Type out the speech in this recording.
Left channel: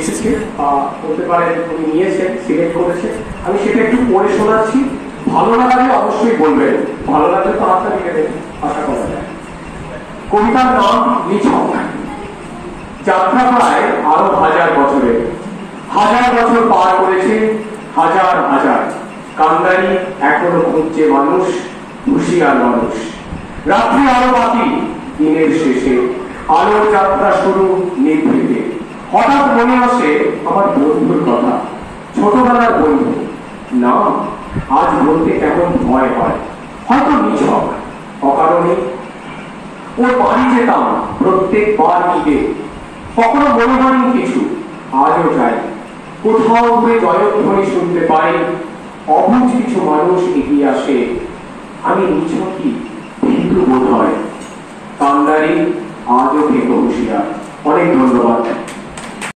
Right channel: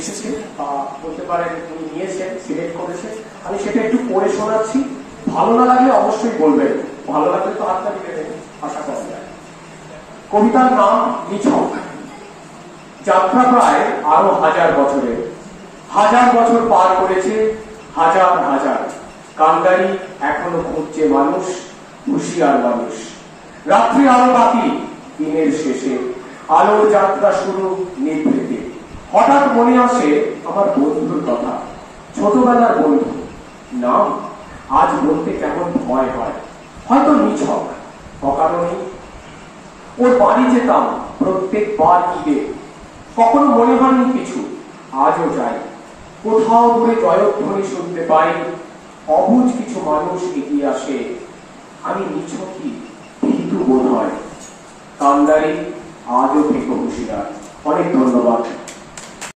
এসেছে বা বলতে পারেন উনি নিয়েছেন, সিলেক্ট করেছেন। আমি সেটা একটু পড়ে শোনাচ্ছি, ভালো লাগলে অবশ্যই বলবেন, ভালো লাগলে তো হাতটা রেখে দেবেন, আশা করা যায়। কবিতার নাম নিছক। যাত্রা প্রায় আরো 1000 বছরের, 1000 বছর পার করেছে, হাজার হাজার কান্দারি এখনো খুঁজছে মানুষ, হুঁশিয়ার মানুষ। রাত্রি আরো বাকি, দিনের শেষে আলোর যাত্রা শুরু নিভৃতে। হঠাৎ মনে আসে আমার বন্ধুর কথা, ছোটবেলার বন্ধু। নাম আজ বলতে কেমন ভয় হয়, হয়তো নিছক, অকারণে। ওর বাড়ি যেতাম প্রত্যেকবার ঈদে, কখনো মনে হয়নি কিছু, আজও যাই। কোথাও দূরে জয়ধ্বনি শুনতে পাই, অবুঝ কিছু মানুষ এগিয়ে আসে। আমি নিছকই, কিন্তু বোধ হয় কান্দারি আজও থেকে হুঁশিয়ার। অনেক ধন্যবাদ।